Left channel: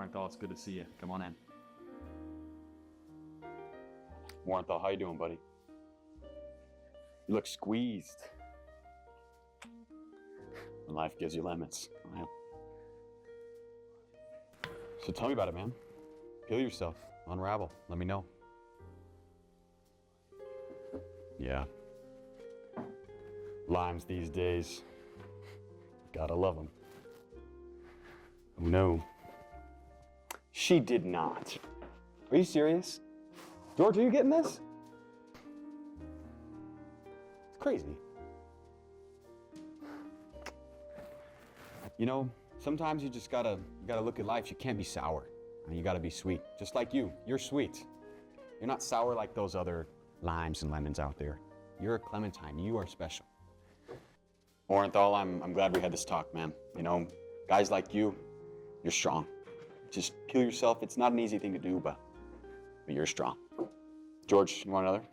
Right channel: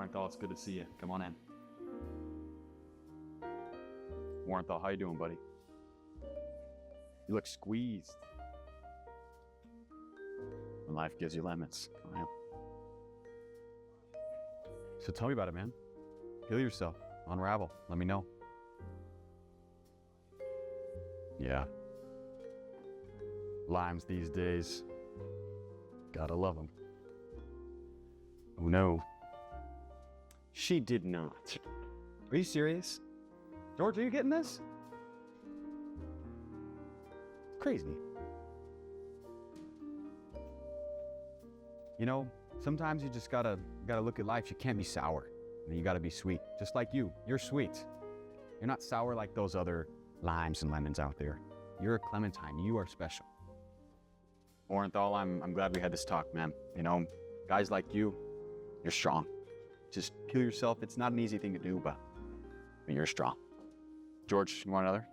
Warrenthal, it's good to see you. Come on in. Warrenthal, how you doing, buddy? You look squeezed. When life gives you lemons. Well. So tell me about it, man. Heal yourself. Unravel. Let me know. Yeah. Limes these days. Gotta love them. Oh no. She did not. Are you serious? George, are you getting this? It's crazy. You know, sometimes you just gotta look at life. You can't be sour. I mean, you gotta be sweet. Just like you. You're sweet. You're not sour like those other limes and lemons out there. You're a clementine. You are special. Warrenthal, I'm glad we had this talk, man. You know, guys like you, you're strong. Just kill yourself. It's not an easy thing to do, but you're strong. George, you want another?